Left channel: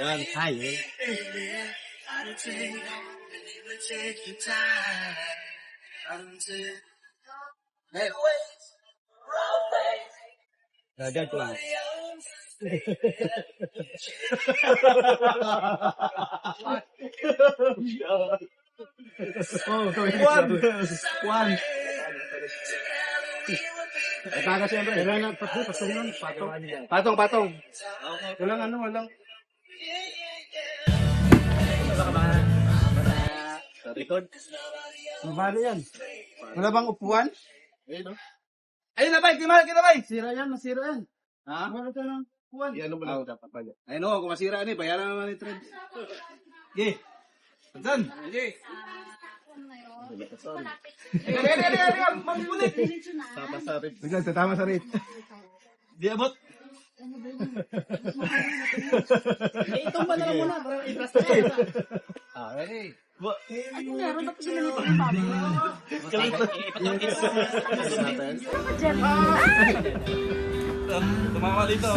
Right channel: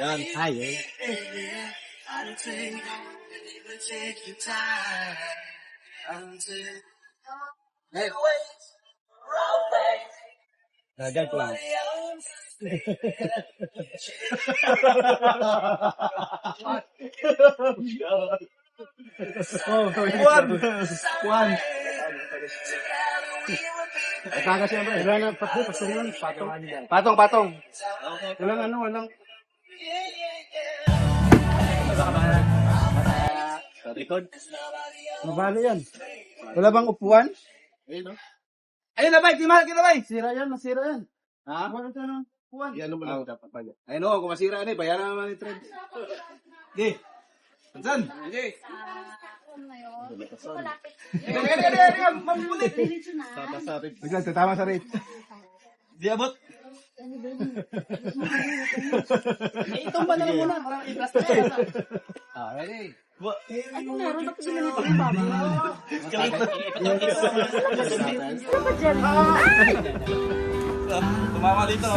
Yan. Ay, Gagag lang. One. Taga siyempre. Wala na, patong. Patong. Walang. Sa record. Mabali yan. Wala bang upuan? Ayun na ba? Timal kita ba? Masira yan. Ha? Wala ito ng upuan. Yan mo lang dapat pala. Ayun o, kung masira yan bayaran naman ni Trend. Okay. Saan? Okay. Biglang tatama sa rate. Di abot. Itong ba na lang muna? Parang i-blast na yan. Ready? Ay, kung meron na pagsilin ito ng baboy. Tumama dito.